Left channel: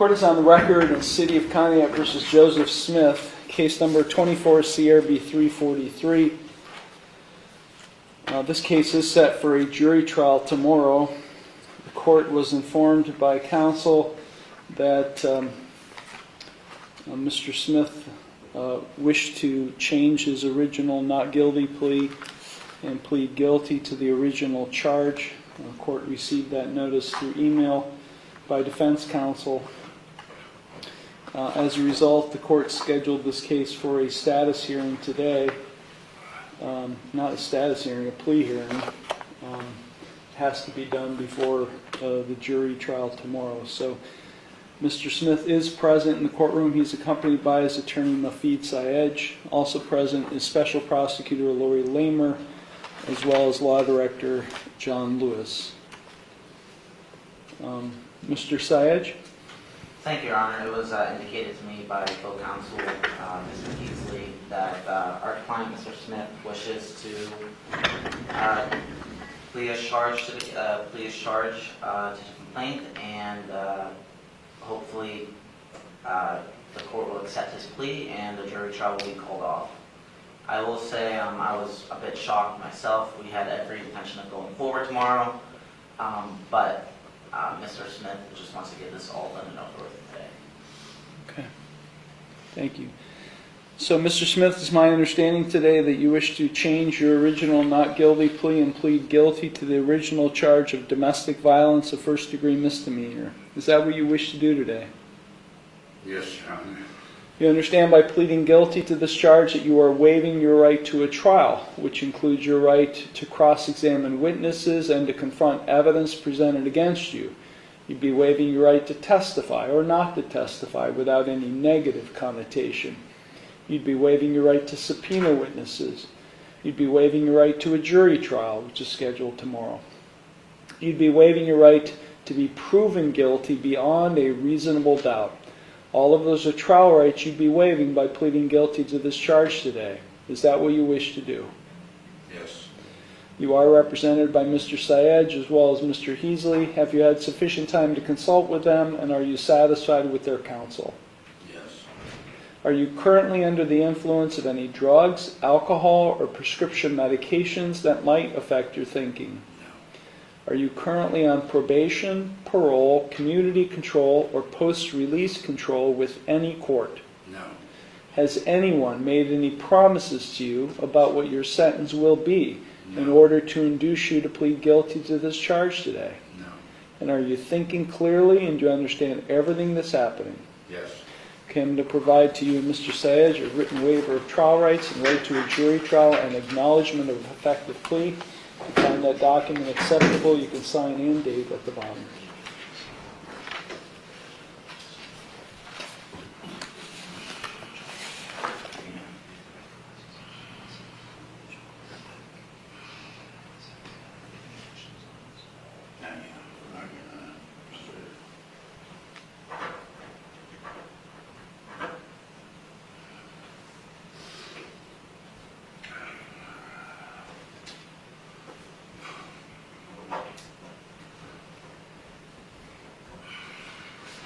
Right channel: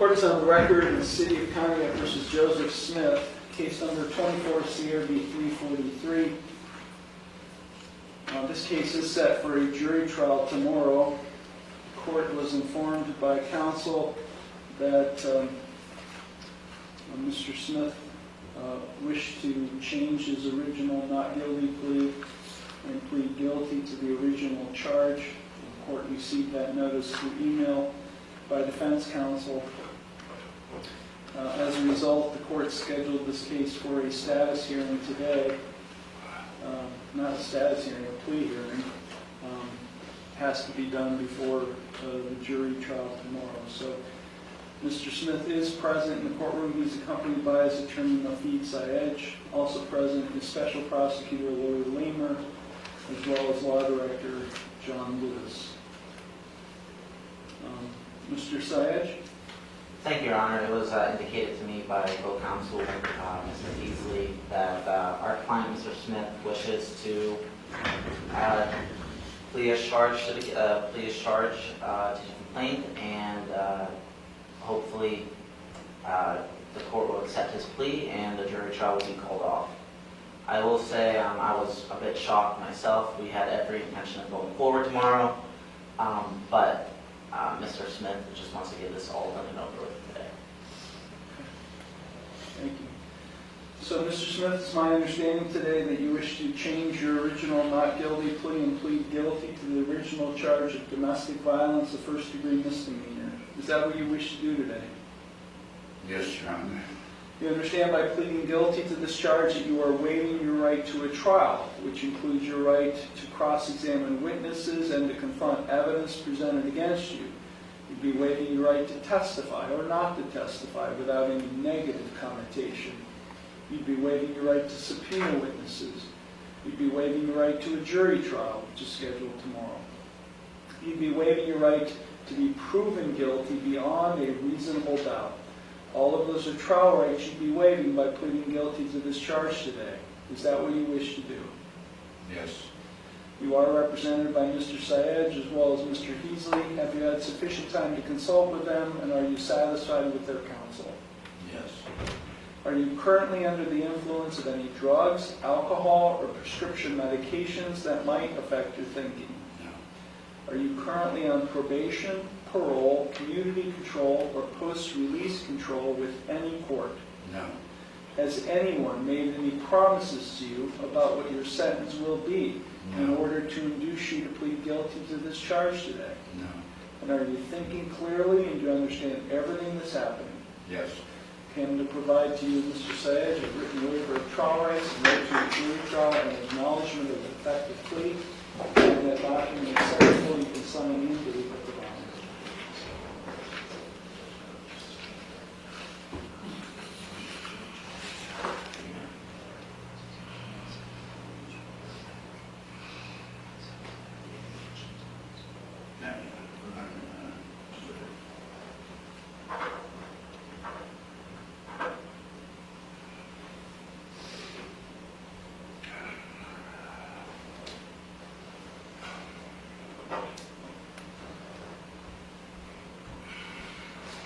Court is on the record in City of Conneaut versus Joseph Smith, case number 24 CRB 343. This case is set for a jury trial tomorrow. The court was informed by counsel that Mr. Smith wished to change his original not guilty plea and plead guilty to the original charge. The court received that notice through email by defense counsel. As a result, the court scheduled this case for a status hearing today. Not a status hearing, a plea hearing. Has to be done before the jury trial tomorrow. So Mr. Smith is present in the courtroom. He's accompanied by his attorney, Nafid Syed. Also present is Special Prosecutor Lori Lamer, as well as Law Director John Lewis. Mr. Syed? Thank you, Your Honor. It was indicated to me by co-counsel, Mr. Beasley, that our client, Mr. Smith, wishes to plead his charge to the complaint, and hopefully the court will accept his plea and the jury trial will be called off. I will say I was a bit shocked myself. We had every intention of going forward tomorrow, but Mr. Smith just wants to get this all done and over with today. Okay. Thank you. So, Mr. Smith, it's my understanding today that you wish to change your original not guilty plea and plead guilty to the original charge of domestic violence, a first-degree misdemeanor. Is that what you wish to do today? Yes, Your Honor. You understand by pleading guilty to this charge that you are waiving your right to a trial, which includes your right to cross-examine witnesses and to confront evidence presented against you. You'd be waiving your right to testify or not to testify without any negative connotation. You'd be waiving your right to subpoena witnesses. You'd be waiving your right to a jury trial, which is scheduled tomorrow. You'd be waiving your right to be proven guilty beyond a reasonable doubt. All of those are trial rights you'd be waiving by pleading guilty to this charge today. Is that what you wish to do? Yes. You are represented by Mr. Syed as well as Mr. Heasley. Have you had sufficient time to consult with them, and are you satisfied with their counsel? Yes. Are you currently under the influence of any drugs, alcohol, or prescription medications that might affect your thinking? No. Are you currently on probation, parole, community control, or post-release control with any court? No. Has anyone made any promises to you about what your sentence will be in No. order to induce you to plead guilty to this charge today? No. And are you thinking clearly, and do you understand everything that's happening? Yes. Came to provide to you, Mr. Syed, a written waiver of trial rights and right to a jury trial and acknowledgement of an effective plea. If you find that document acceptable, you can sign and date at the bottom.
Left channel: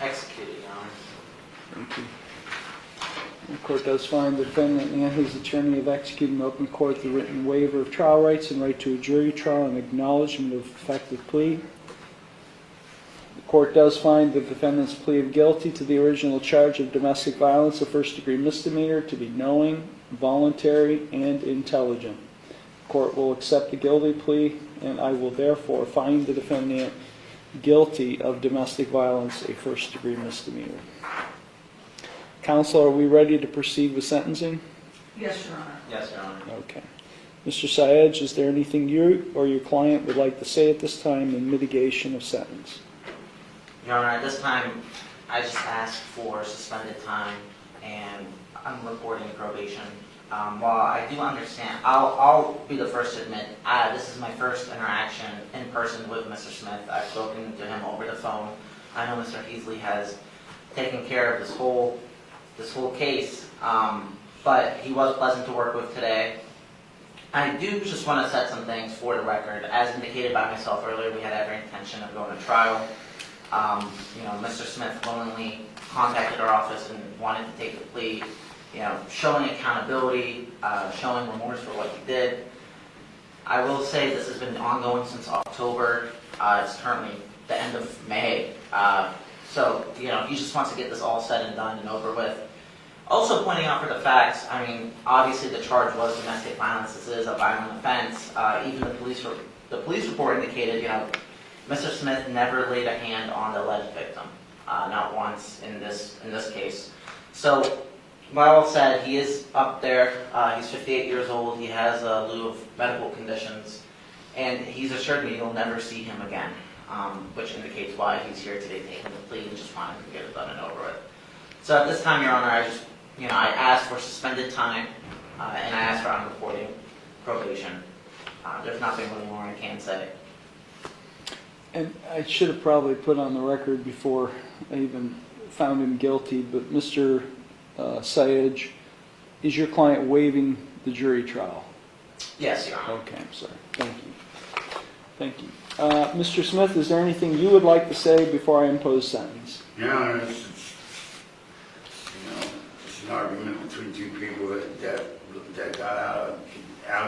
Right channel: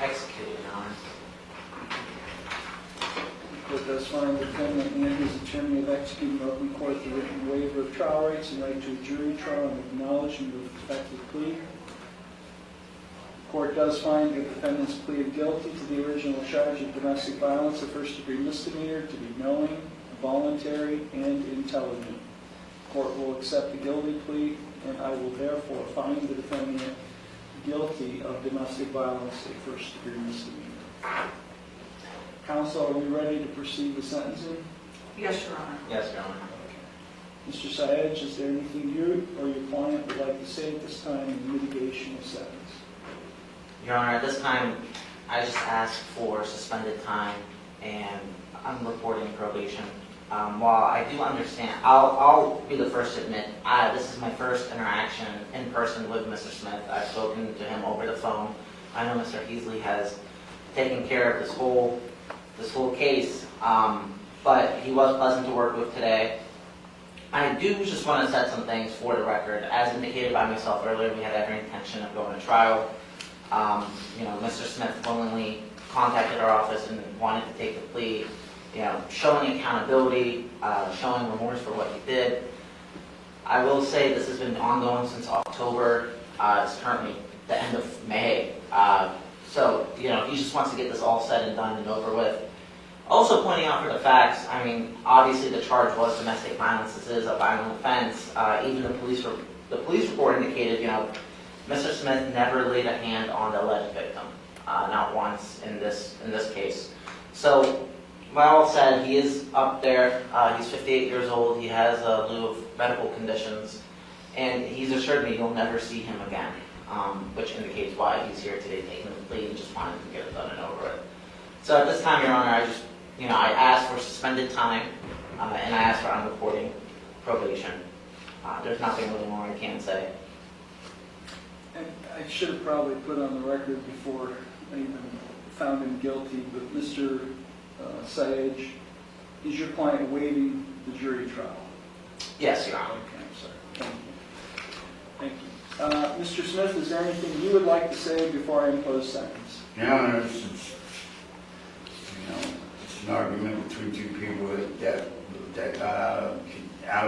Executed, Your Honor. The court does find the defendant and his attorney have executed in open court the written waiver of trial rights and right to a jury trial and acknowledgement of effective plea. The court does find the defendant's plea of guilty to the original charge of domestic violence, a first-degree misdemeanor, to be knowing, voluntary, and intelligent. The court will accept the guilty plea, and I will therefore find the defendant guilty of domestic violence, a first-degree misdemeanor. Counsel, are we ready to proceed with sentencing? Yes, Your Honor. Yes, Your Honor. Okay. Mr. Syed, is there anything you or your client would like to say at this time in mitigation of sentence? Your Honor, at this time, I just ask for suspended time, and I'm reporting probation. While I do understand, I'll be the first to admit, this is my first interaction in person with Mr. Smith. I've spoken to him over the phone. I know Mr. Heasley has taken care of this whole case, but he was pleasant to work with today. I do just want to set some things for the record. As indicated by myself earlier, we had every intention of going to trial. Mr. Smith willingly contacted our office and wanted to take the plea, showing accountability, showing remorse for what he did. I will say this has been ongoing since October. It's currently the end of May. So, he just wants to get this all said and done and over with. Also pointing out for the facts, obviously the charge was domestic violence. This is a violent offense. Even the police report indicated, Mr. Smith never laid a hand on the alleged victim, not once in this case. So, like I said, he is up there. He's 58 years old. He has a slew of medical conditions, and he's assured me you'll never see him again, which indicates why he's here today taking the plea and just wanted to get it done and over with. So at this time, Your Honor, I asked for suspended time, and I asked for unreporting probation. There's nothing really more I can say. And I should have probably put on the record before I even found him guilty, but Mr. Sayedge, is your client waiving the jury trial? Yes, Your Honor. Okay, I'm sorry. Thank you. Thank you. Mr. Smith, is there anything you would like to say before I impose sentence? Your Honor, it's an argument between two people that got out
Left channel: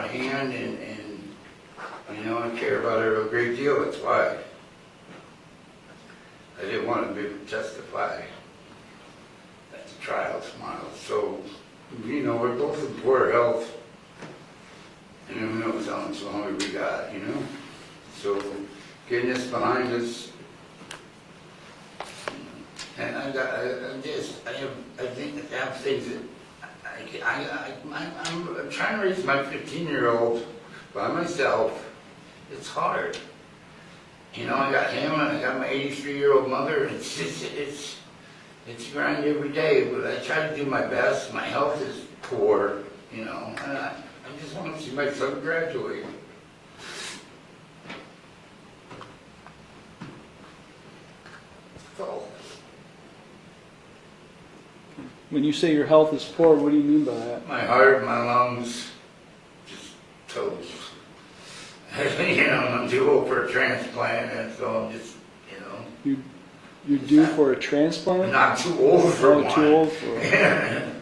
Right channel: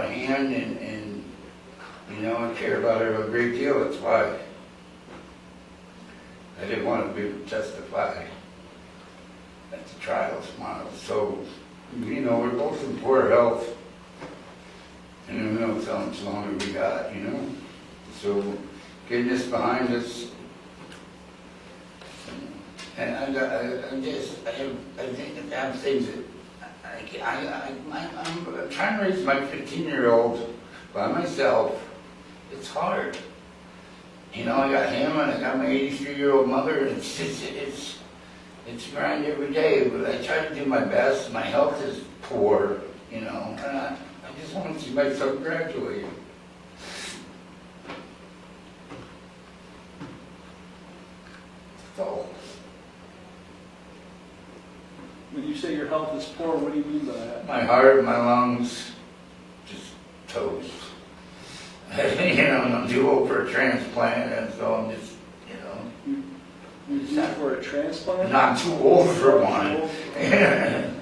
of hand, and I care about her a great deal. That's why I didn't want to be able to testify at the trial tomorrow. So, we're both in poor health, and who knows how much longer we got, So, getting this behind us, and I think I have things that I'm trying to raise my 15-year-old by myself. It's hard. I got him and I got my 83-year-old mother. It's grind every day, but I try to do my best. My health is poor, and I just want to see my son graduate. So, When you say your health is poor, what do you mean by that? my heart, my lungs, just toast. I'm due old for a transplant, and so I'm just, You're due for a transplant? not too old for Not one. too old for one.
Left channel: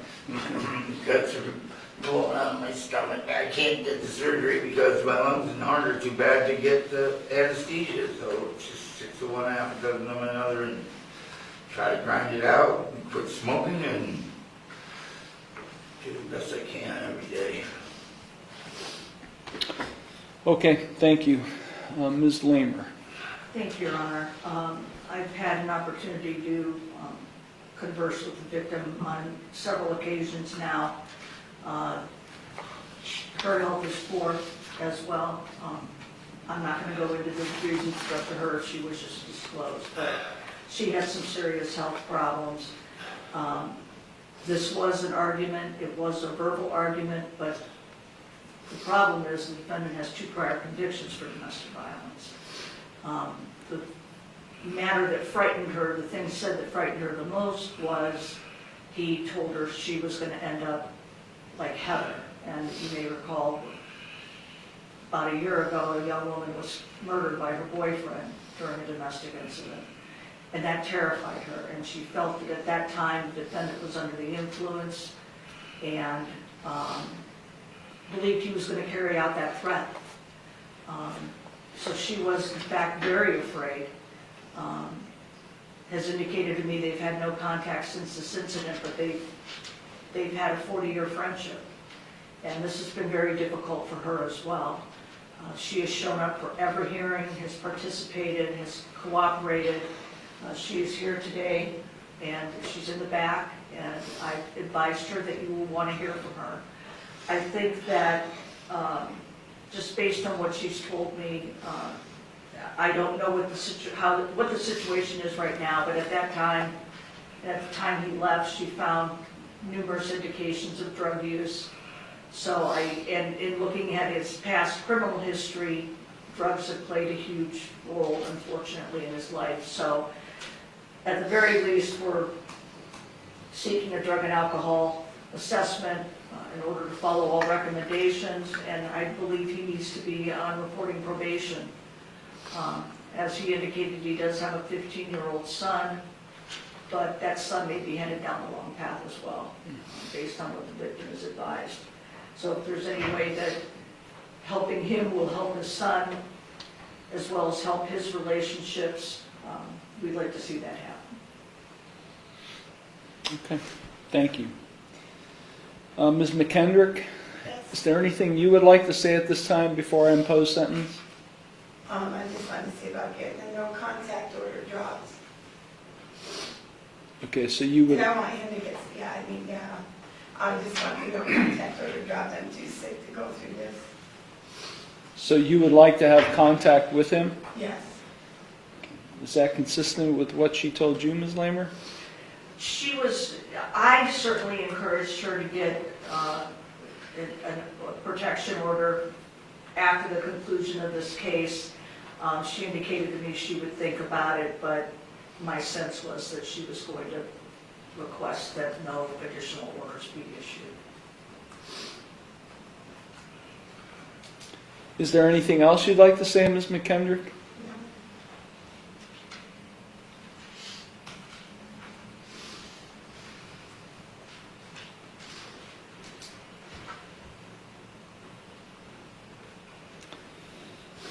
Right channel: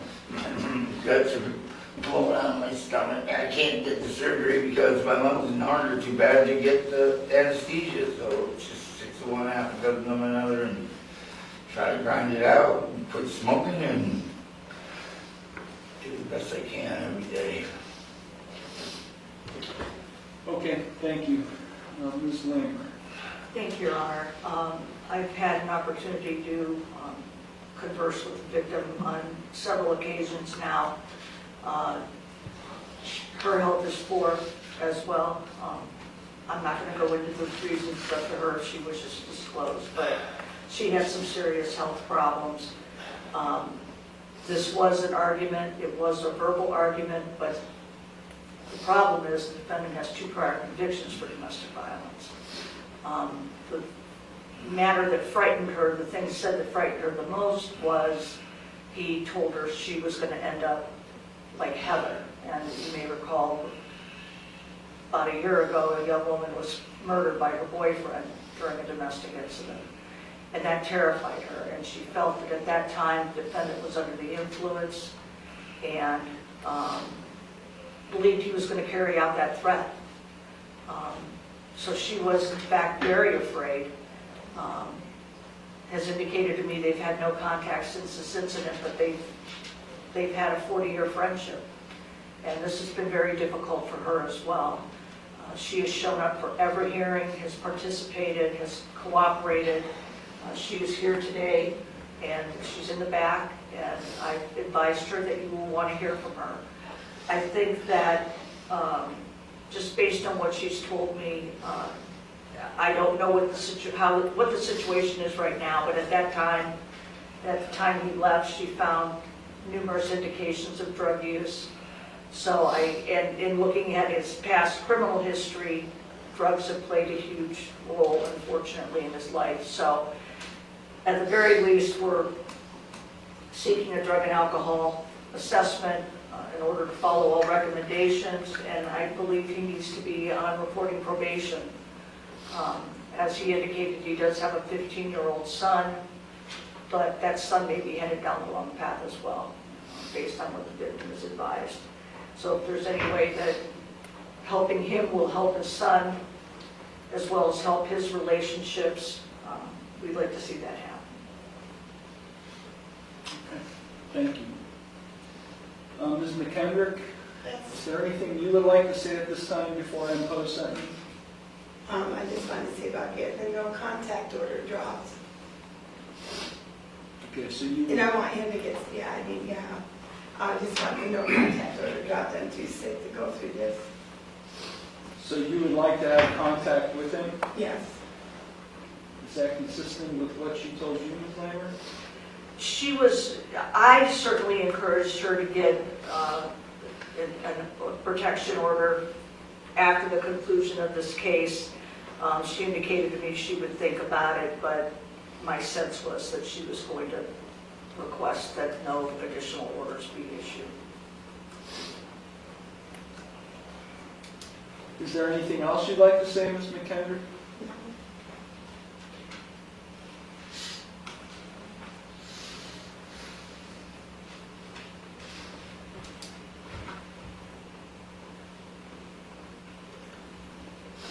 Guts are blowing out of my stomach. I can't get the surgery because my lungs and heart are too bad to get the anesthesia. So it's just 6 of one, half a dozen of another, and try to grind it out, and quit smoking, and do the best I can every day. Okay, thank you. Ms. Lamer. Thank you, Your Honor. I've had an opportunity to converse with the victim on several occasions now. Her health is poor as well. I'm not going to go into the reasons, but to her if she wishes to disclose, but she has some serious health problems. This was an argument. It was a verbal argument, but the problem is the defendant has 2 prior convictions for domestic violence. The matter that frightened her, the thing said that frightened her the most was he told her she was going to end up like Heather. And you may recall about a year ago, a young woman was murdered by her boyfriend during a domestic incident. And that terrified her. And she felt that at that time the defendant was under the influence and believed he was going to carry out that threat. So she was, in fact, very afraid. Has indicated to me they've had no contact since this incident, but they've had a 40-year friendship. And this has been very difficult for her as well. She has shown up for every hearing, has participated, has cooperated. She is here today, and she's in the back, and I advised her that you will want to hear from her. I think that just based on what she's told me, I don't know what the situation is right now, but at the time he left, she found numerous indications of drug use. So in looking at his past criminal history, drugs have played a huge role, unfortunately, in his life. So at the very least, we're seeking a drug and alcohol assessment in order to follow all recommendations, and I believe he needs to be on reporting probation As he indicated, he does have a 15-year-old son, but that son may be headed down the wrong path as well, based on what the victim is advised. So if there's any way that helping him will help his son, as well as help his relationships, we'd like to see that happen. Okay, thank you. Ms. McKendrick, is there anything you would like to say at this time before I impose sentence? I just wanted to see about getting the no contact order dropped. Okay, so you would, And I want him to get, I just want the no contact order dropped. I'm too sick to go through this. so you would like to have contact with him? Yes. Is that consistent with what she told you, Ms. Lamer? I certainly encouraged her to get a protection order after the conclusion of this case. She indicated to me she would think about it, but my sense was that she was going to request that no additional orders be issued. Is there anything else you'd like to say, Ms. McKendrick?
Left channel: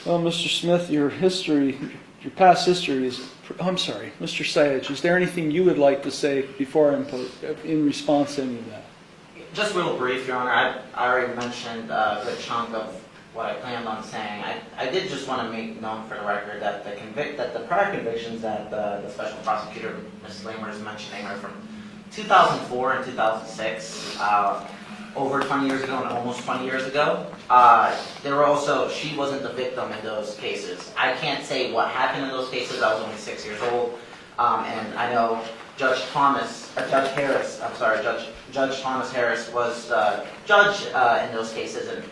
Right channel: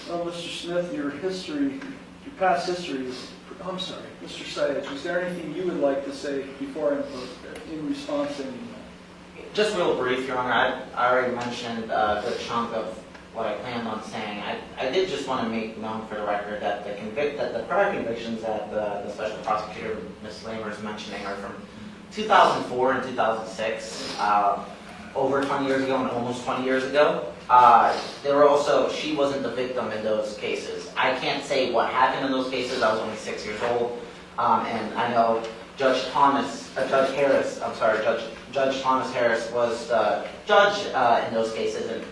Well, Mr. Smith, your past history is, I'm sorry, Mr. Sayage, is there anything you would like to say before I impose, in response to any of that? Just real brief, Your Honor, I already mentioned a good chunk of what I planned on saying. I did just want to make known for the record that the prior convictions that the Special Prosecutor, Ms. Lamer, is mentioning are from 2004 and 2006. Over 20 years ago and almost 20 years ago. She wasn't the victim in those cases. I can't say what happened in those cases. I was only 6 years old. And I know Judge Thomas Harris was the judge in those cases, and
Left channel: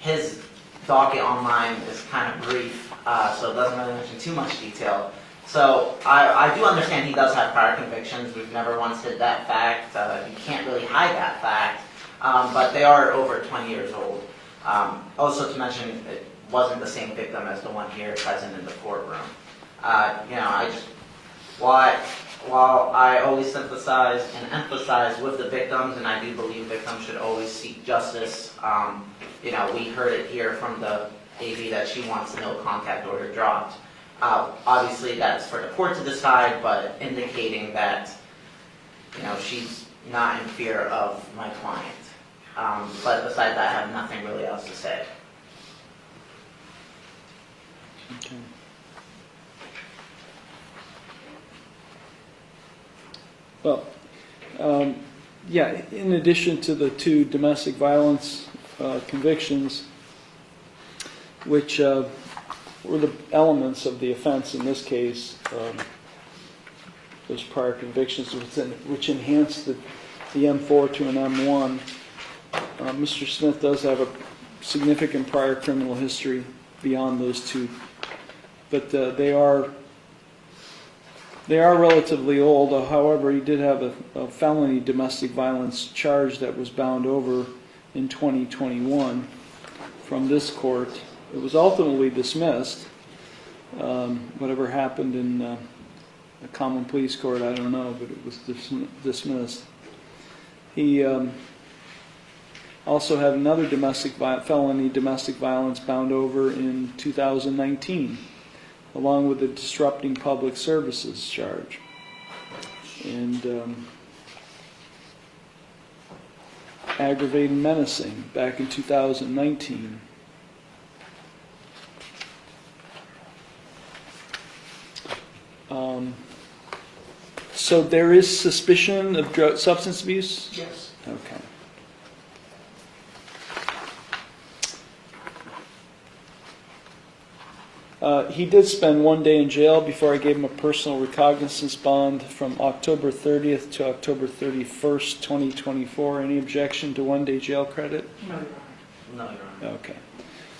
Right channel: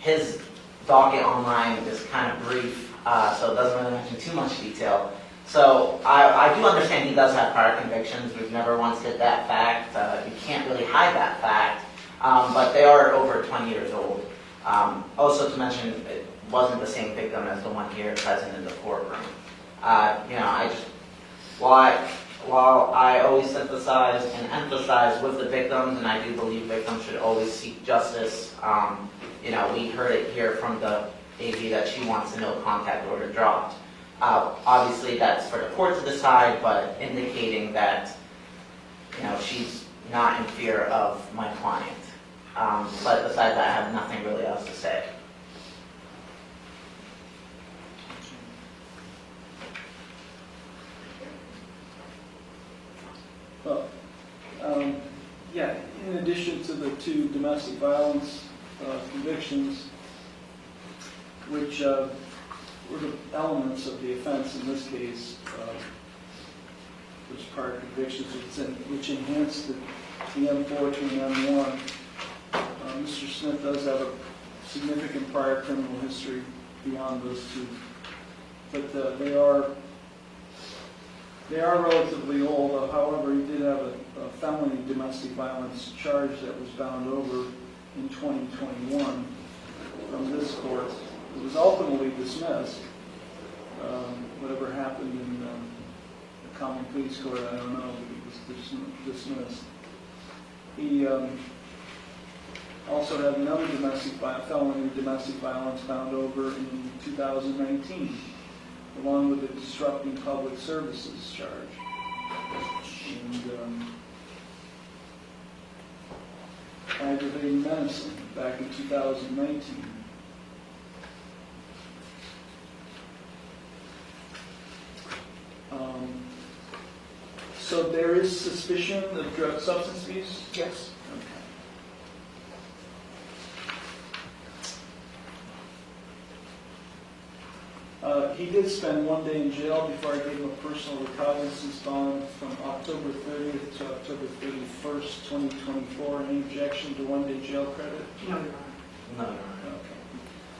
his docket online is kind of brief, so it doesn't really mention too much detail. So I do understand he does have prior convictions. We've never once hid that fact. You can't really hide that fact. But they are over 20 years old. Also to mention, it wasn't the same victim as the one here present in the courtroom. While I always emphasize with the victims, and I do believe victims should always seek justice, we heard it here from the AG that she wants no contact order dropped. Obviously that's for the court to decide, but indicating that, she's not in fear of my client. But besides that, I have nothing really else to say. Well, in addition to the 2 domestic violence convictions, which were the elements of the offense in this case, those prior convictions which enhanced the M4 to an M1, Mr. Smith does have a significant prior criminal history beyond those 2, but they are relatively old. However, he did have a felony domestic violence charge that was bound over in 2021 from this court. It was ultimately dismissed. Whatever happened in the common pleas court, I don't know, but it was dismissed. He also had another felony domestic violence bound over in 2019, along with a disrupting public services charge. And aggravated menacing back in 2019. So there is suspicion of substance abuse? Yes. Okay. He did spend 1 day in jail before I gave him a personal recognizance bond from October 30th to October 31st, 2024. Any objection to 1 day jail credit? No, Your Honor. No, Your Honor. Okay.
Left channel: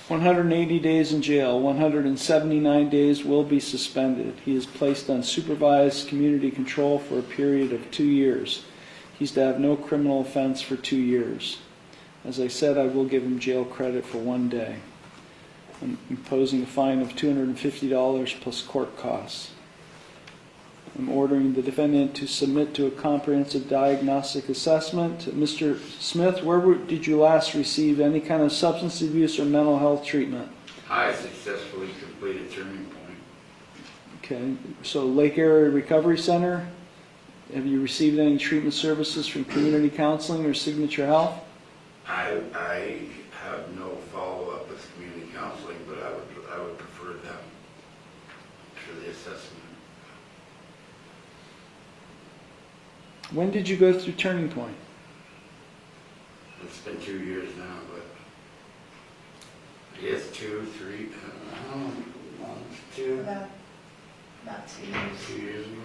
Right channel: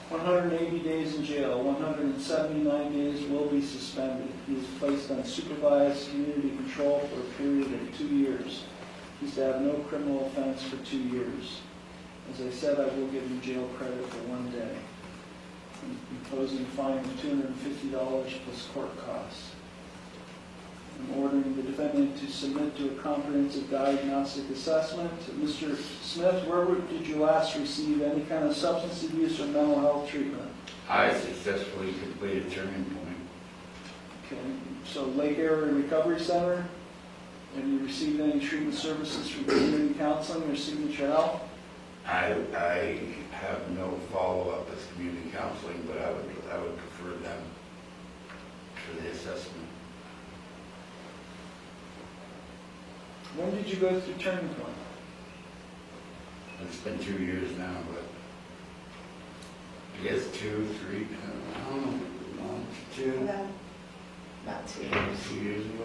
180 days in jail, 179 days will be suspended. He is placed on supervised community control for a period of 2 years. He's to have no criminal offense for 2 years. As I said, I will give him jail credit for 1 day. imposing a fine of $250 plus court costs. I'm ordering the defendant to submit to a comprehensive diagnostic assessment. Mr. Smith, did you last receive any kind of substance abuse or mental health treatment? I successfully completed Turning Point. Okay, so Lake Area Recovery Center, have you received any treatment services from community counseling or Signature Health? I have no follow-up with community counseling, but I would prefer them for the assessment. When did you go through Turning Point? It's been 2 years now, but I guess 2, 3, no, it's 2. No, not 2 years. 2 years ago.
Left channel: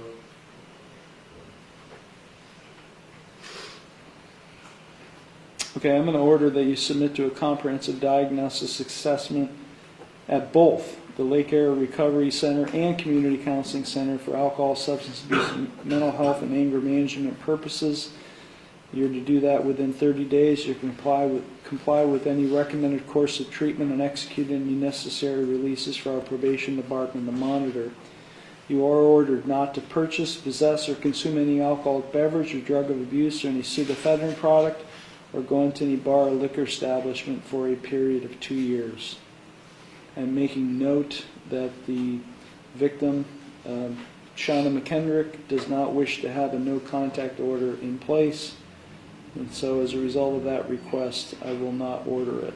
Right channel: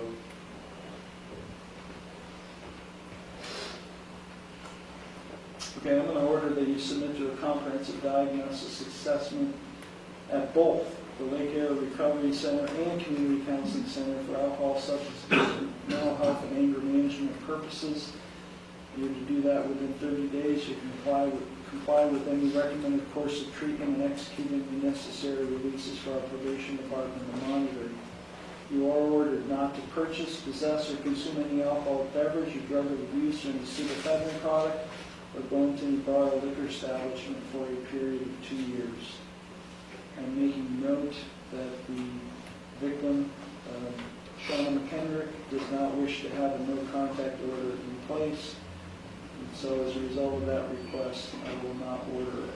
Okay, I'm going to order that you submit to a comprehensive diagnosis assessment at both the Lake Area Recovery Center and Community Counseling Center for alcohol, substance abuse, mental health, and anger management purposes. You're to do that within 30 days. You comply with any recommended course of treatment and execute any necessary releases for our probation department to monitor. You are ordered not to purchase, possess, or consume any alcoholic beverage or drug of abuse or any pseudoephedrine product, or go into any bar or liquor establishment for a period of 2 years. And making note that the victim, Shauna McKendrick, does not wish to have a no contact order in place. And so as a result of that request, I will not order it.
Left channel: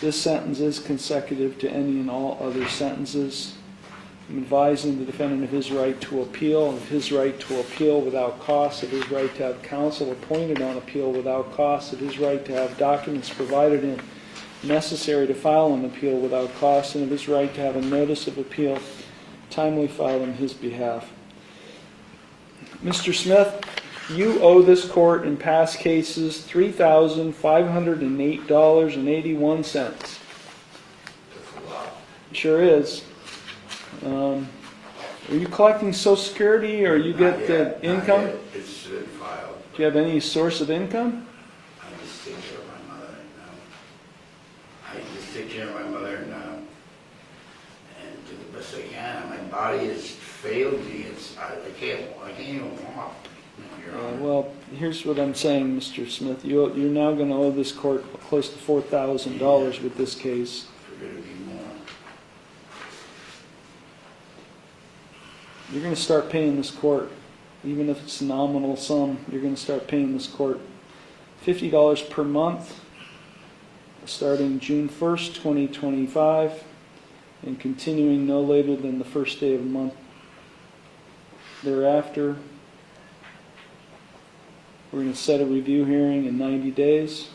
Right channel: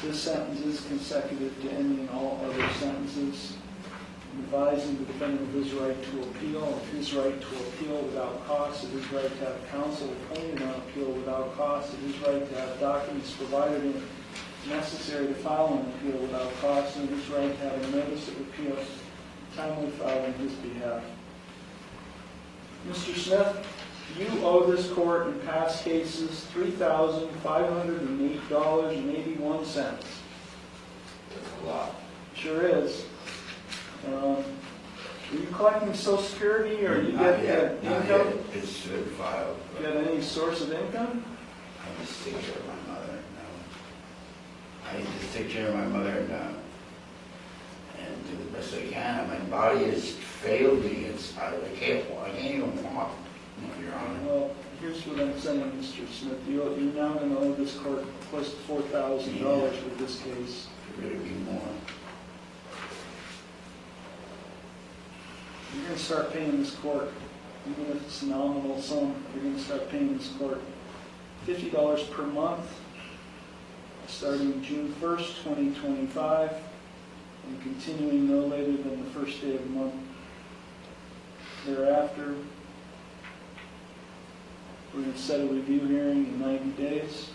This sentence is consecutive to any and all other sentences. I'm advising the defendant of his right to appeal, without cost, of his right to have counsel appointed on appeal without cost, of his right to have documents provided in necessary to file an appeal without cost, and of his right to have a notice of appeal timely filed on his behalf. Mr. Smith, you owe this court in past cases $3,508.81. That's a lot. Sure is. Are you collecting Social Security, or you Not get yet, the not income? yet. It's been filed. Do you have any source of income? I just take care of my mother now. And do the best I can. My body has failed me. I can't even walk. Your Honor. Well, here's what I'm saying, Mr. Smith. You're now going to owe this court close to $4,000 with this case. There better be more. You're going to start paying this court, even if it's a nominal sum, you're going to start paying this court $50 per month, starting June 1st, 2025, and continuing no later than the first day of the month thereafter. We're going to set a review hearing in 90 days.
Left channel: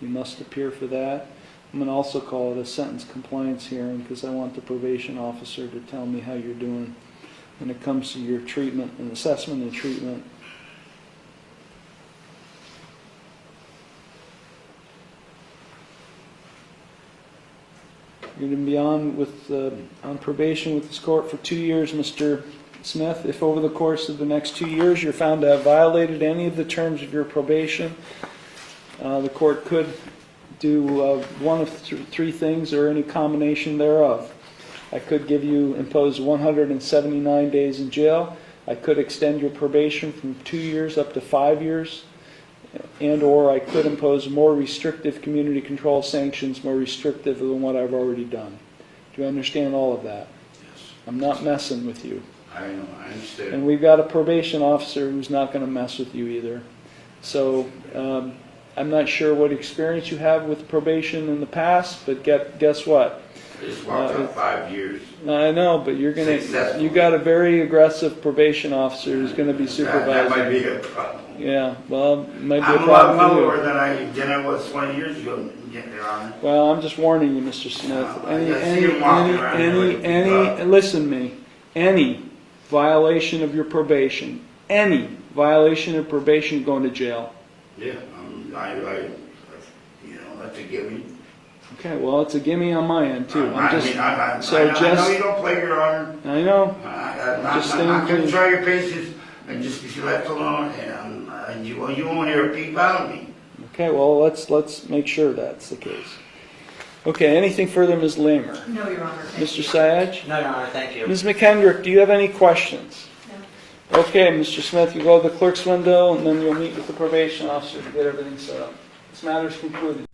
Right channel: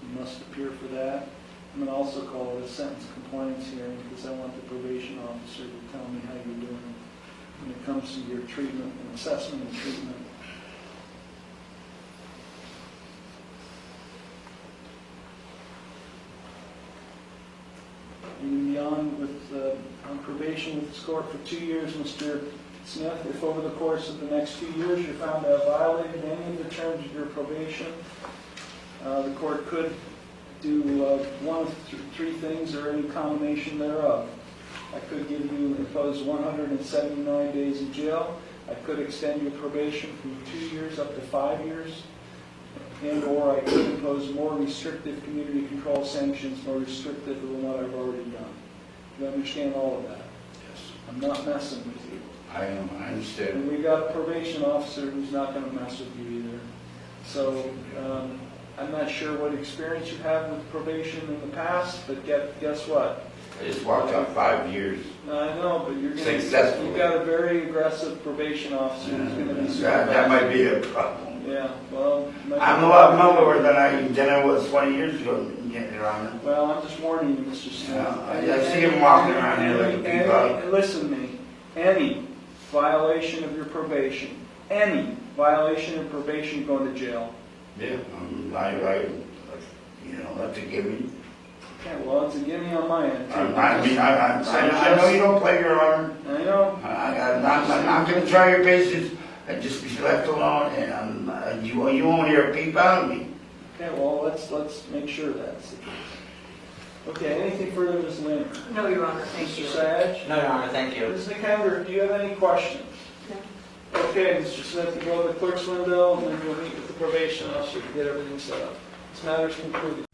You must appear for that. I'm going to also call it a sentence compliance hearing because I want the probation officer to tell me how you're doing when it comes to your treatment and assessment and treatment. You're going to be on probation with this court for 2 years, Mr. Smith. If over the course of the next 2 years you're found to have violated any of the terms of your probation, the court could do one of three things or any combination thereof. I could impose 179 days in jail. I could extend your probation from 2 years up to 5 years. And or I could impose more restrictive community control sanctions, more restrictive than what I've already done. Do you understand all of that? Yes. I'm not messing with you. I understand. And we've got a probation officer who's not going to mess with you either. So I'm not sure what experience you have with probation in the past, but guess what? I just walked out 5 years. I know, but you got a very aggressive probation officer who's going to be supervising. That might be a problem. Yeah, well, it might be I'm a a lot problem. lower than I was 20 years ago, Your Honor. Well, I'm just warning you, Mr. Smith. I see him walking around here. Listen to me. Any violation of your probation, going to jail. Yeah, that's a given. Okay, well, it's a gimme on my end, too. I know you don't play, Your Honor. I know. I'm not going to try your patience and just be left alone, and you won't hear a peep out of me. Okay, well, let's make sure that's the case. Okay, anything further, Ms. Lamer? No, Your Honor, thank you. Mr. Syed? No, Your Honor, thank you. Ms. McKendrick, do you have any questions? No. Okay, Mr. Smith, you go to the clerk's window, and then you'll meet with the probation officer to get everything set up. This matter is concluded.